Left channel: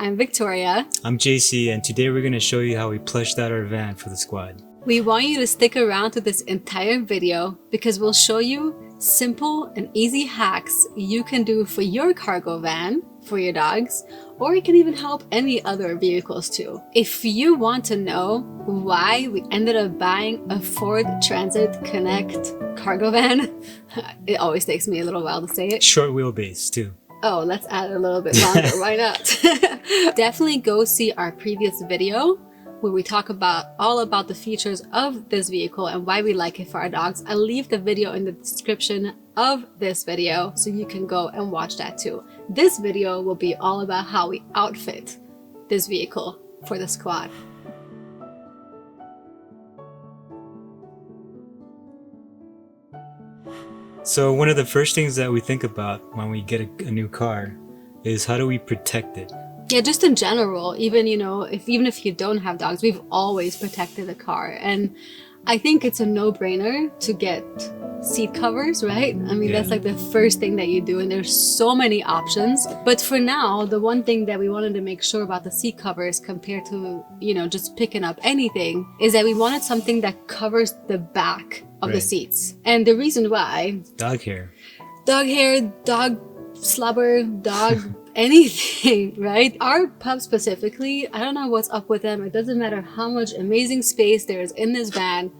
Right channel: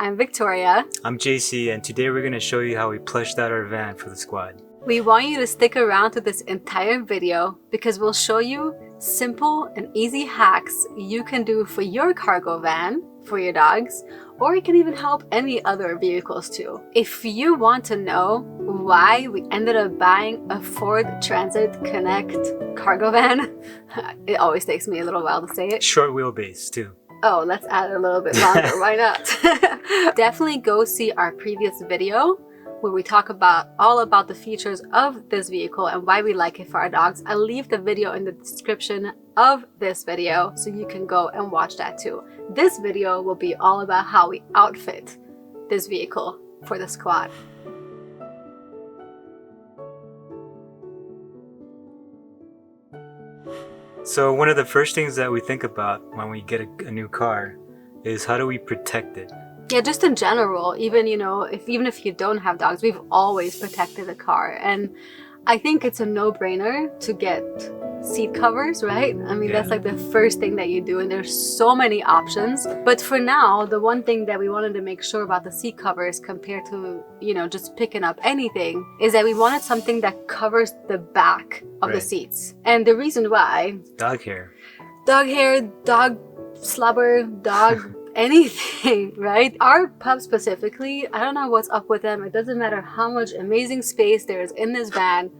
I'm Victoria. I'm JC, and today we're going to show you how we plushed out our van for the squad. We want you to stick around to this entire video because we'll show you simple and easy hacks you can do for your cargo van, for your dogs, or it can even help any other vehicles too. If you want to know why we ended up buying a Ford Transit Connect cargo van, it always takes me a little while to say it. Short wheelbase too. Oh, let's add a little bit longer, why not? Definitely go see our previous video where we talk all about the features of this vehicle and why we like it for our dogs. I'll leave the video in the description of this video so you can go and watch that too. This video will be all about how we outfit this vehicle for the squad. So one of the first things that we think about when we get a new car is how do we protect it? Yeah, just in general, even if you don't have dogs, we've always protected the car. And I think it's a no-brainer to get seat covers, right? I mean, that's like the first thing that you do, and there's so many options. But for now, the one thing that we wanted to make sure about the seat covers compared to, just picking up anything is that we wanted something that covers the back of the seats. And the reason why... Dog hair, dog slobber, dog... anything, right? Our pup specifically, I don't know what's up with them. It doesn't matter how much amazing space there is in this van,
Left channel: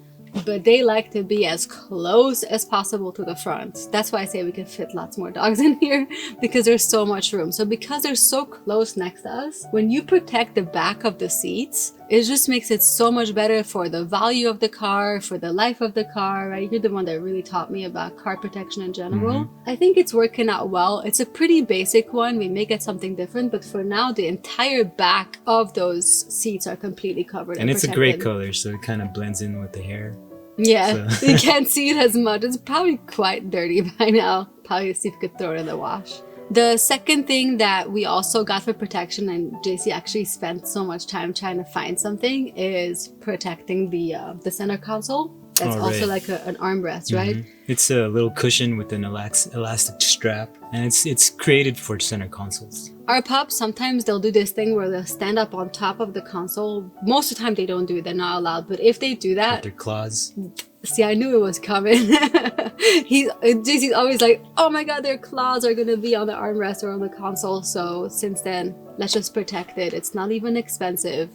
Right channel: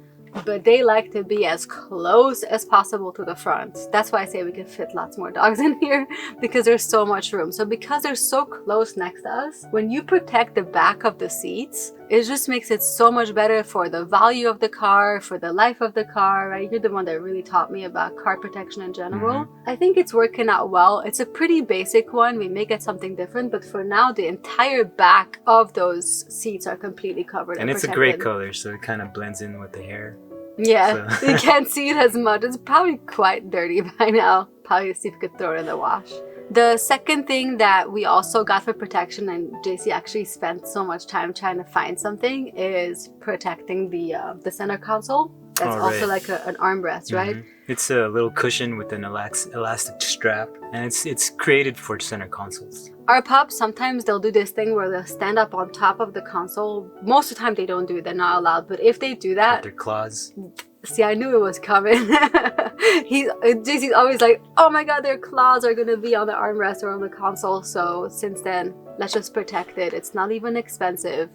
but they like to be as close as possible to the front. That's why I say we can fit lots more dogs in here, because there's so much room. So because they're so close next to us, when you protect the back of the seats, it just makes it so much better for the value of the car, for the life of the car, right? You're the one that really taught me about car protection in general. I think it's working out well. It's a pretty basic one. We may get something different, but for now, the entire back of those seats are completely covered and it's protected. a great color, so it kind of blends in with the hair. Yeah, so. You can't see it as much. It's probably quite dirty by now. Probably see if we could throw it in the wash. The second thing that we also got for protection, and JC actually spent so much time trying to find something, is protecting the center console. That's also like an armrest, right? It's a little cushion with an elastic strap, and it's created for center consoles. Our pups, sometimes they'll do this thing where they'll stand up on top of the console. Most of the time they don't do it, they're not allowed. But if they do that... With their claws. See, I knew it was coming. JC's always like, oh my god, their claws are gonna be on the armrest or on the console. So since then, let's just protect it. It's not even expensive,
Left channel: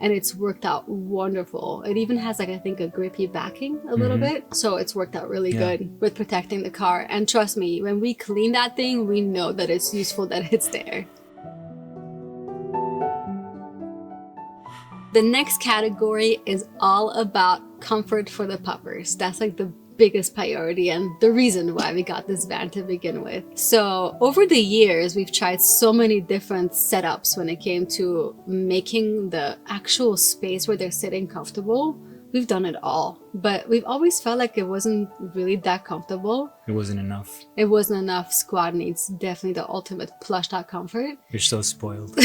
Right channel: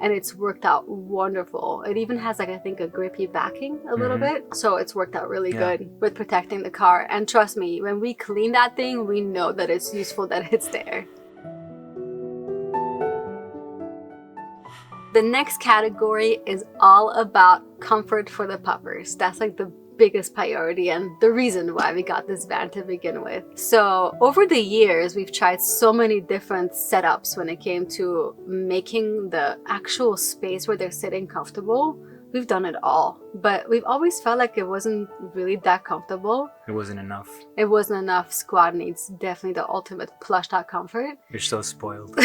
and it's worked out wonderful. It even has I think a grippy backing a little bit. So it's worked out really good with protecting the car. And trust me, when we clean that thing, we know that it's useful, that it's there. The next category is all about comfort for the puppers. That's like the biggest priority and the reason why we got this van to begin with. So over the years, we've tried so many different setups when it came to making the actual space where they're sitting comfortable. We've done it all, but we've always felt like it wasn't really that comfortable. It wasn't enough. It wasn't enough. Squad needs definitely the ultimate plushed out comfort. You're so spoiled.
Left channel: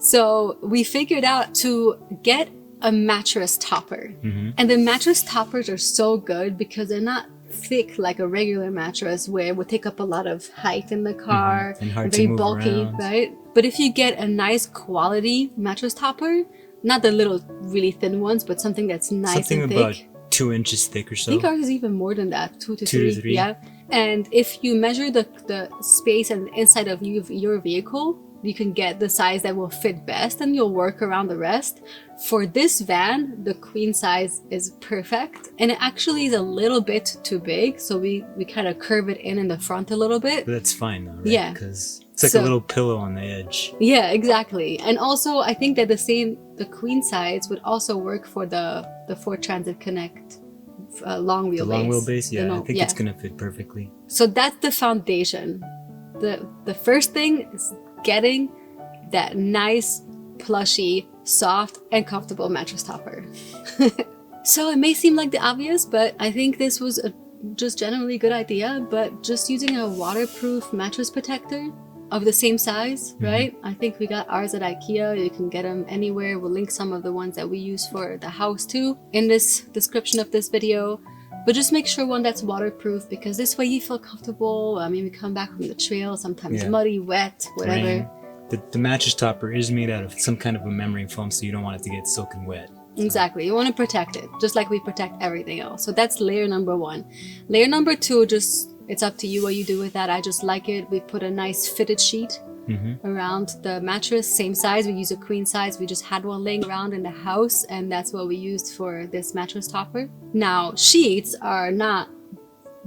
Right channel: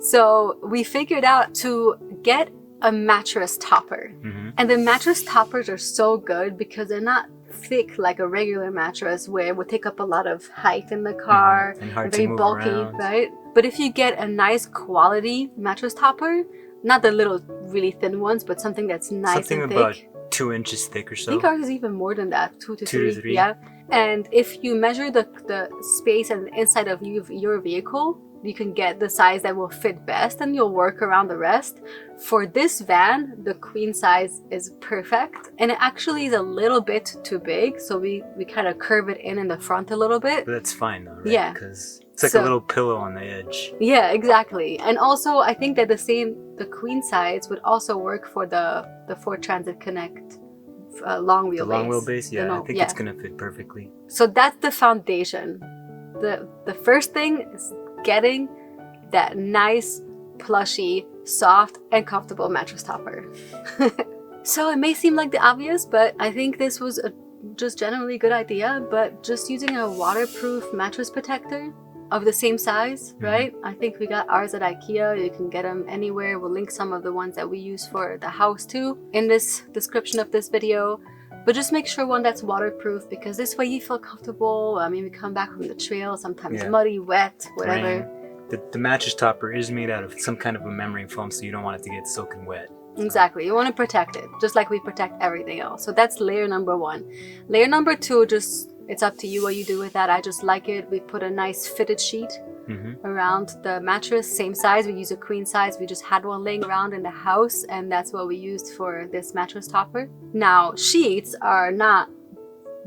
So we figured out to get a mattress topper. And the mattress toppers are so good because they're not thick like a regular mattress where it would take up a lot of height in the car and hard very to move bulky, around. right? But if you get a nice quality mattress topper, not the little really thin ones, but something that's nice and thick. Something about 2 inches thick or so. I think ours is even more than that, 2 to 3. Yeah. And if you measure the space and the inside of your vehicle, you can get the size that will fit best and you'll work around the rest. For this van, the queen size is perfect. And it actually is a little bit too big. So we kind of curve it in the front a little bit. But that's fine though, right? Yeah. Because it's like a little pillow on the edge. Yeah, exactly. And also I think that the queen size would also work for the Ford Transit Connect long wheelbase. The long wheelbase, yeah. I think it's gonna fit perfectly. So that's the foundation. The first thing is getting that nice, plushy, soft, and comfortable mattress topper. So it may seem like the obvious, but I think this was a just generally good idea. But just using a waterproof mattress protector of the same size, right? I think we got ours at IKEA. You can get them anywhere. We'll link some of the ones that we use for the house too in this description of this video. But just make sure one that's waterproof, because this way you feel comfortable. I mean, we come back from the trail, sometimes muddy, wet, whatever. the mattress topper is made out of some kind of a memory foam, so you don't want it to get soaking wet. Exactly. You want to protect it, just like we protect everything else. So that's layer number 1. Layer number 2, just it's up to you what you do with that. I just like it. We put a nice fitted sheet around the mattress, same size. We use a queen size. We just had one laying around in the house, and that's what we used for this mattress topper. Now, sheets are not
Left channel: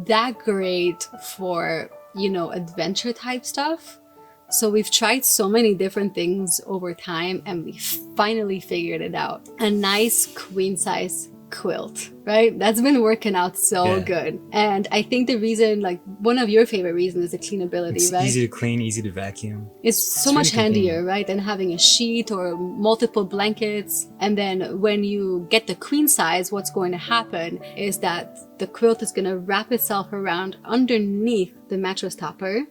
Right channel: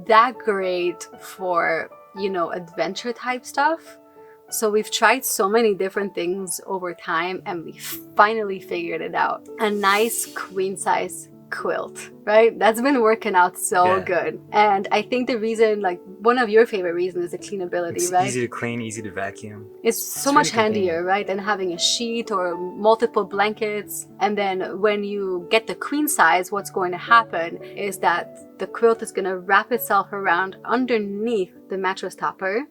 that great for, you know, adventure type stuff. So we've tried so many different things over time, and we finally figured it out. A nice queen size quilt, right? That's been working out so good. And I think the reason, like one of your favorite reasons, is the cleanability, it's right? Easy to clean, easy to vacuum. It's so much handier, right, than having a sheet or multiple blankets. And then when you get the queen size, what's going to happen is that the quilt is going to wrap itself around underneath the mattress topper.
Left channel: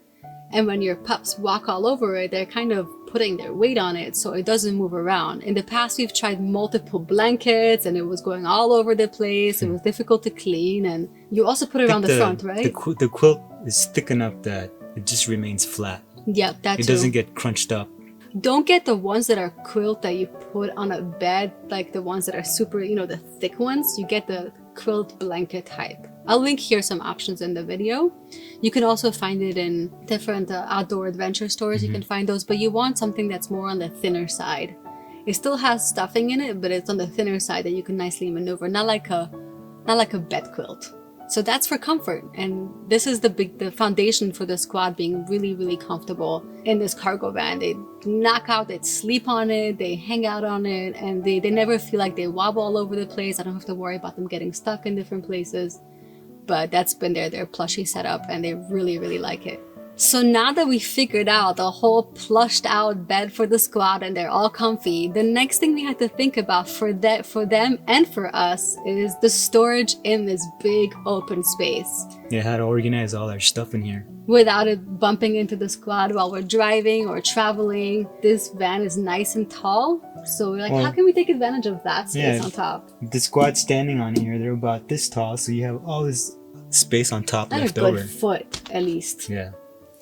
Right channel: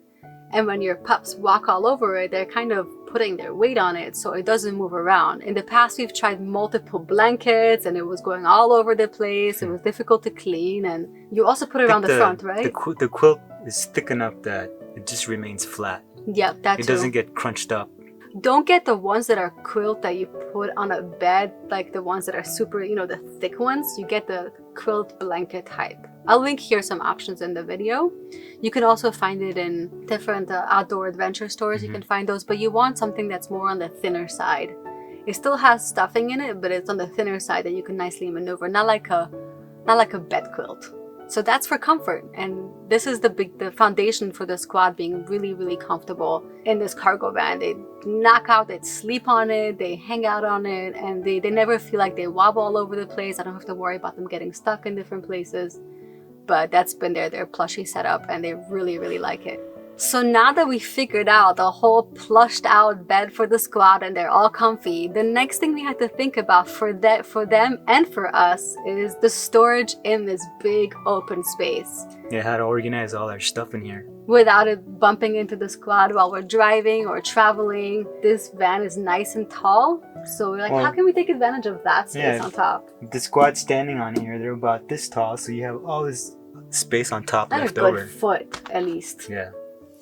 And when your pups walk all over it, they're kind of putting their weight on it so it doesn't move around. In the past, we've tried multiple blankets and it was going all over the place. It was difficult to clean. And you also put it around the front, right? The quilt is thick enough that it just remains flat. Yeah, that too. It doesn't get crunched up. Don't get the ones that are quilt that you put on a bed, like the ones that are super, you know, the thick ones. You get the quilt blanket type. I'll link here some options in the video. You can also find it in different outdoor adventure stores. You can find those, but you want something that's more on the thinner side. It still has stuffing in it, but it's on the thinner side that you can nicely maneuver, not like a bed quilt. So that's for comfort, and this is the foundation for the squad being really, really comfortable in this cargo van. They knock out, they sleep on it, they hang out on it, and they never feel like they wobble all over the place. I don't have to worry about them getting stuck in different places. But that's been their plushie setup, and they really, really like it. So now that we figured out the whole plushed out bed for the squad and they're all comfy, the next thing we had to think about for them and for us is the storage in this big open space. Yeah, how to organize all our stuff in here without it bumping into the squad while we're driving or traveling. This van is nice and tall, so we're like, how can we take advantage of that space on top? The squad standing on here, they're about this tall, so you have all this space on top and left a good over. Foot at least. Yeah.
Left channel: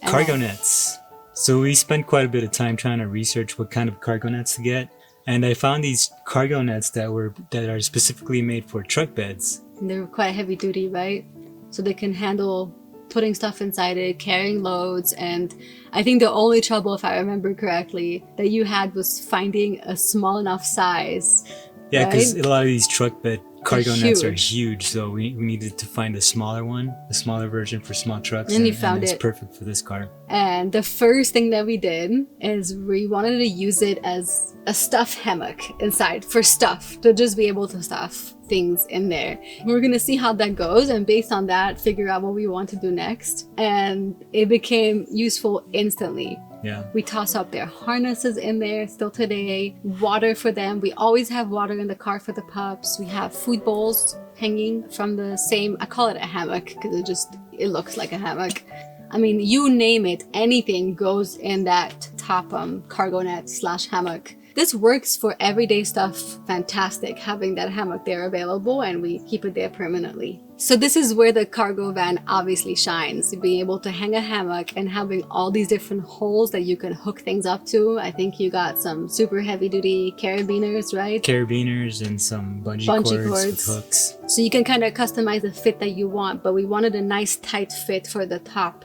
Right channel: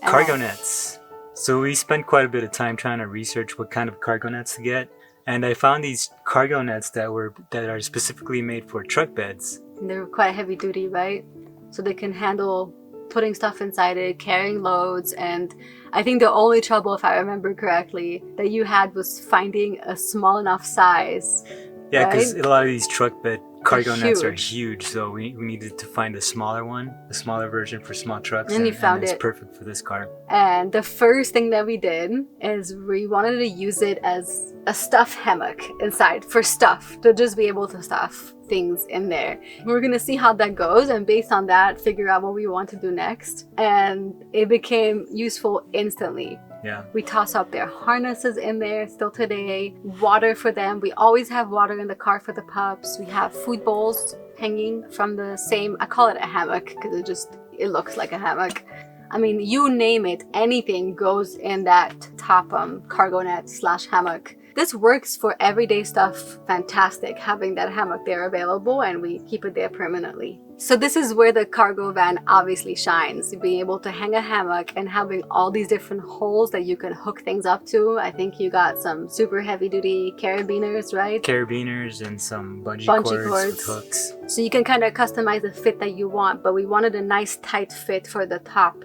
Cargo nets. So we spent quite a bit of time trying to research what kind of cargo nets to get, and I found these cargo nets that are specifically made for truck beds. And they're quite heavy duty, right? So they can handle putting stuff inside it, carrying loads, and I think the only trouble, if I remember correctly, that you had was finding a small enough size. Yeah, because a lot of these truck bed cargo nets are huge. Huge, so we needed to find a smaller one, a smaller version for small trucks, and you found it's it. Perfect for this car. And the first thing that we did is we wanted to use it as a stuffed hammock inside for stuff, to just be able to stuff things in there. We're gonna see how that goes, and based on that, figure out what we want to do next. And it became useful instantly. Yeah. We toss up their harnesses in there still today. Water for them. We always have water in the car for the pups. We have food bowls hanging from the same, I call it a hammock because it looks like a hammock. I mean, you name it, anything goes in that top cargo net / hammock. This works for everyday stuff. Fantastic having that hammock there available, and we keep it there permanently. So this is where the cargo van obviously shines, being able to hang a hammock and having all these different holes that you can hook things up to. I think you got some super heavy duty carabiners, right? Carabiners and some bungee cords with hooks. So you can kind of customize the fit that you want, but we wanted a nice tight fit for the top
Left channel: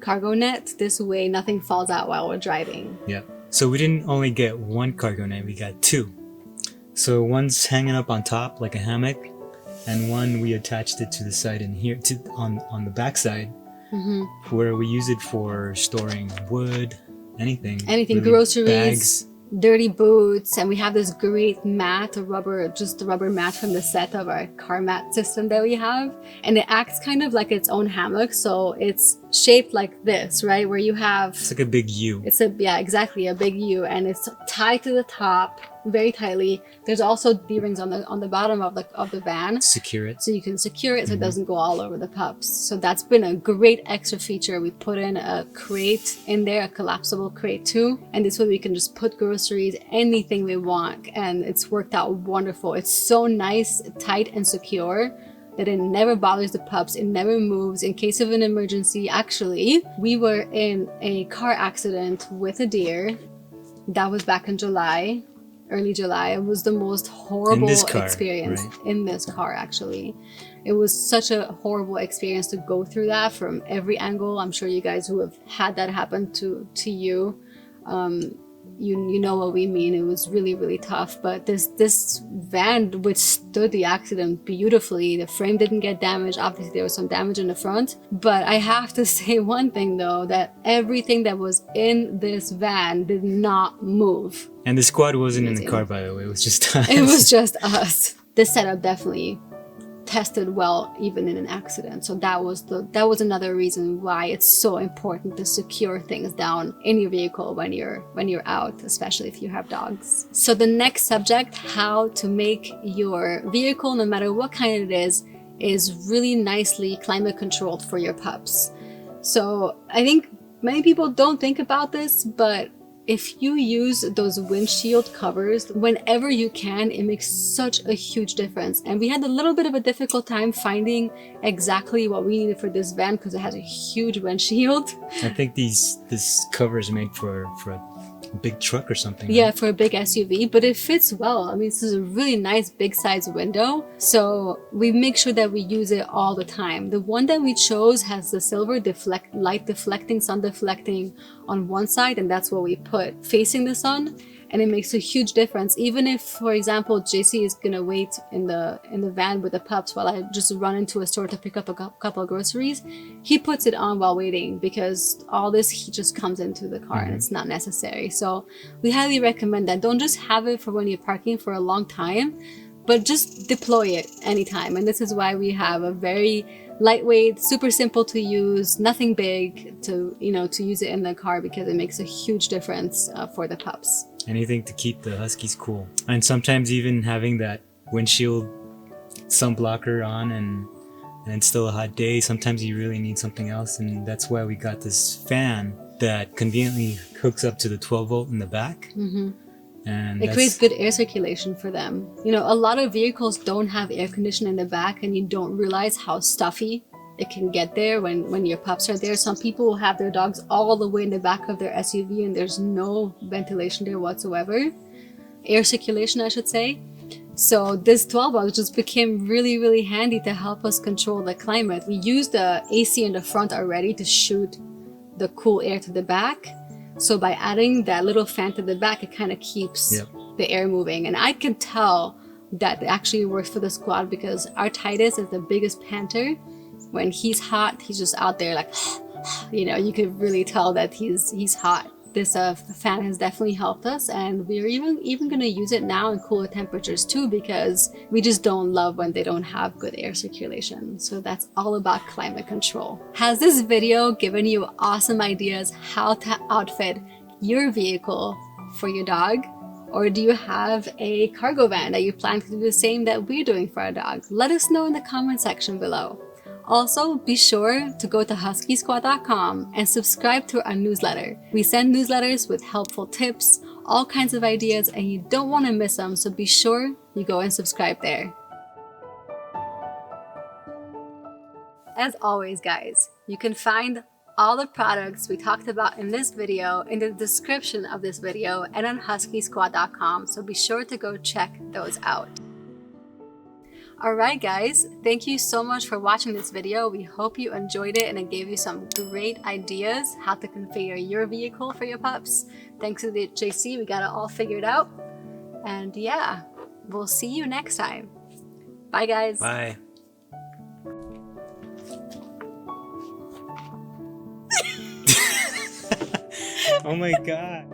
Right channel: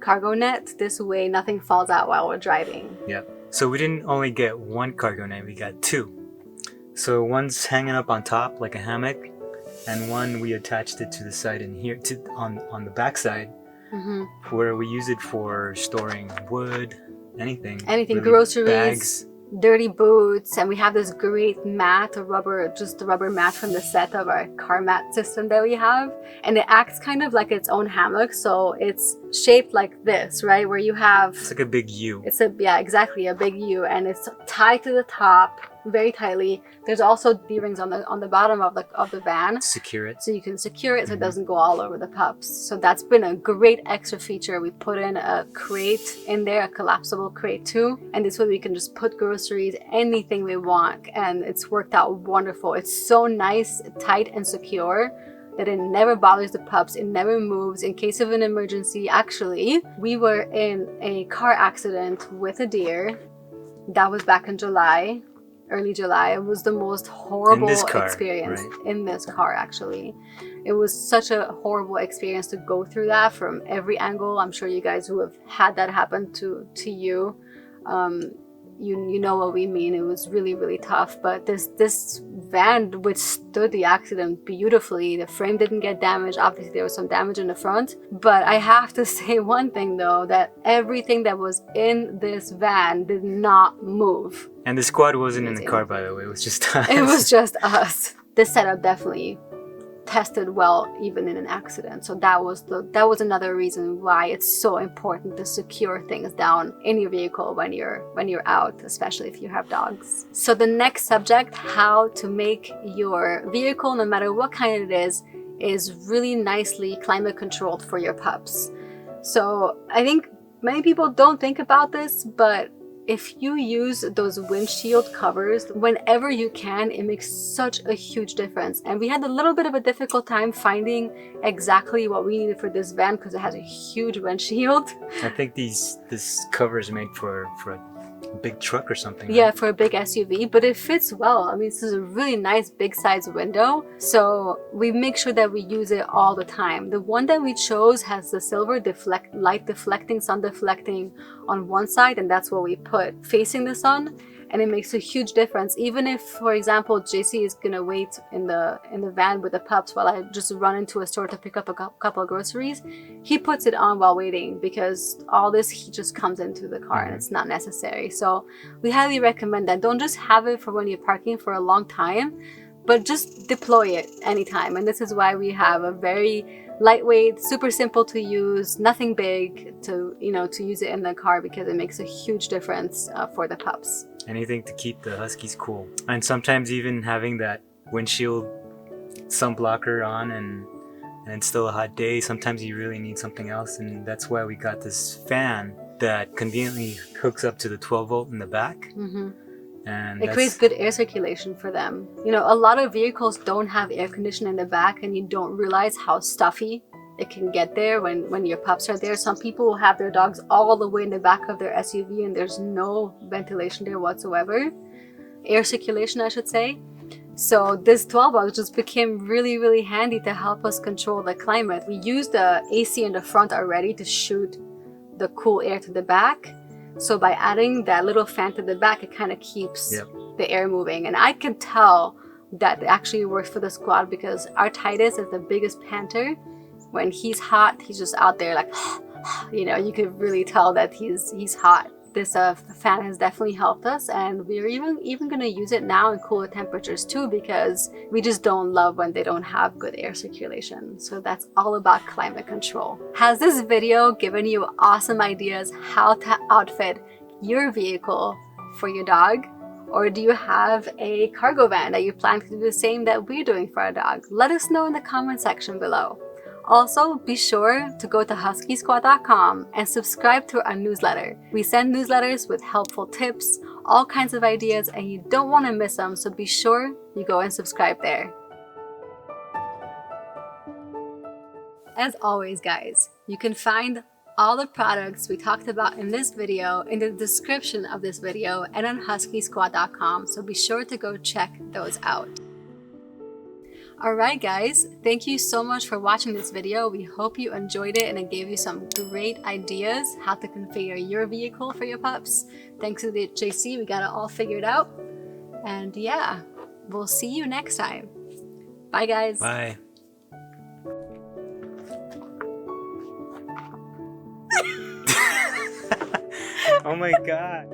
cargo net. This way nothing falls out while we're driving. Yep. So we didn't only get one cargo net, we got two. So one's hanging up on top like a hammock, and one we attached it to the side in here, on the back side, where we use it for storing wood, anything, really, groceries, bags, dirty boots. And we have this great mat, the rubber mat from the set of our car mat system that we have, and it acts kind of like its own hammock. So it's shaped like this, right, where you have, it's like a big U. It's a big U, and it's tied to the top very tightly. There's also D-rings on the bottom of the van, Secure it. so you can secure it so it doesn't go all over the pups. So that's been a great extra feature. We put in a crate in there, a collapsible crate too, and this way we can just put groceries, anything we want, and it's worked out wonderful. It's so nice, tight, and secure that it never bothers the pups. It never moves. In case of an emergency, actually, we were in a car accident with a deer, That was back in July, early July. It was the most horrible experience in this car, actually. It was such a horrible experience to go through that from every angle. I'm sure you guys who have had that happen to you, you know what we mean. It was really, really tough. But this van withstood the accident beautifully. The frame didn't get damaged. Obviously, there was some damage in the front. But I have to say one thing, though, that everything that was in this van did not move. And the squad wasn't in the car, by the way. It was just us. It was just us. This setup definitely tested well even in an accident, so that was another reason why it's so important to secure things down in your vehicle when you're out, especially if you have dogs. So the next subject, how to make your vehicle, no matter what kind it is really nicely climate controlled for your pups. So I think many people don't think about this, but if you use those windshield covers whenever you can, it makes such a huge difference. And we had a little bit of a difficult time finding exactly what we needed for this van because it has a huge windshield. I think this cover is made for a big truck or something. Yeah, right? for a big SUV, but it fits well. I mean, this is a really nice big size window, so we make sure that we use it all the time. The one that we chose has the silver light deflecting, sun deflecting on one side, and that's what we put facing the sun, and it makes a huge difference. Even if, for example, JC is gonna wait in the van with the pups while I just run into a store to pick up a couple of groceries, he puts it on while waiting because all this heat just comes into the car and it's not necessary. So we highly recommend that. Don't just have it for when you're parking for a long time, but just deploy it anytime. And this is why we have a very lightweight, super simple to use, nothing big to use it in the car because it makes a huge difference for the pups. Anything to keep the Huskies cool. And sometimes even having that windshield sunblocker on and it's still a hot day, sometimes you really need something else, and that's why we got this fan that conveniently hooks up to the 12 volt in the back. And it creates good air circulation for them. You know, a lot of vehicles don't have air conditioning in the back, and you don't realize how stuffy it can get there when your pups are there. Some people will have their dogs all the way in the back of their SUV and there's no ventilation there whatsoever. Air circulation, I should say. So this 12 volt just became really, really handy to help us control the climate. We used the AC in the front already to shoot the cool air to the back. So by adding that little fan to the back, it kind of keeps the air moving. And I can tell that it actually works for the squad because our Titus is the biggest panter. When he's hot, he's just out there like, you know, you could really tell that he's hot. This fan has definitely helped us, and we're even going to use it now in cooler temperatures too, because we just don't love when they don't have good air circulation. So that's all about climate control. Has this video given you awesome ideas how to outfit your vehicle for your dog? Or do you have a cargo van that you plan to do the same that we're doing for our dog? Let us know in the comment section below. Also, be sure to go to huskysquad.com and subscribe to our newsletter. We send newsletters with helpful tips, all kinds of ideas, and you don't want to miss them, so be sure you go and subscribe there. As always, guys, you can find all the products we talked about in this video in the description of this video and on huskysquad.com, so be sure to go check those out. Alright guys, thank you so much for watching this video. We hope you enjoyed it and it gave you some great ideas how to configure your vehicle for your pups. Thanks to the JC, we got it all figured out. And yeah, we'll see you next time. Bye guys. Bye. Oh my god.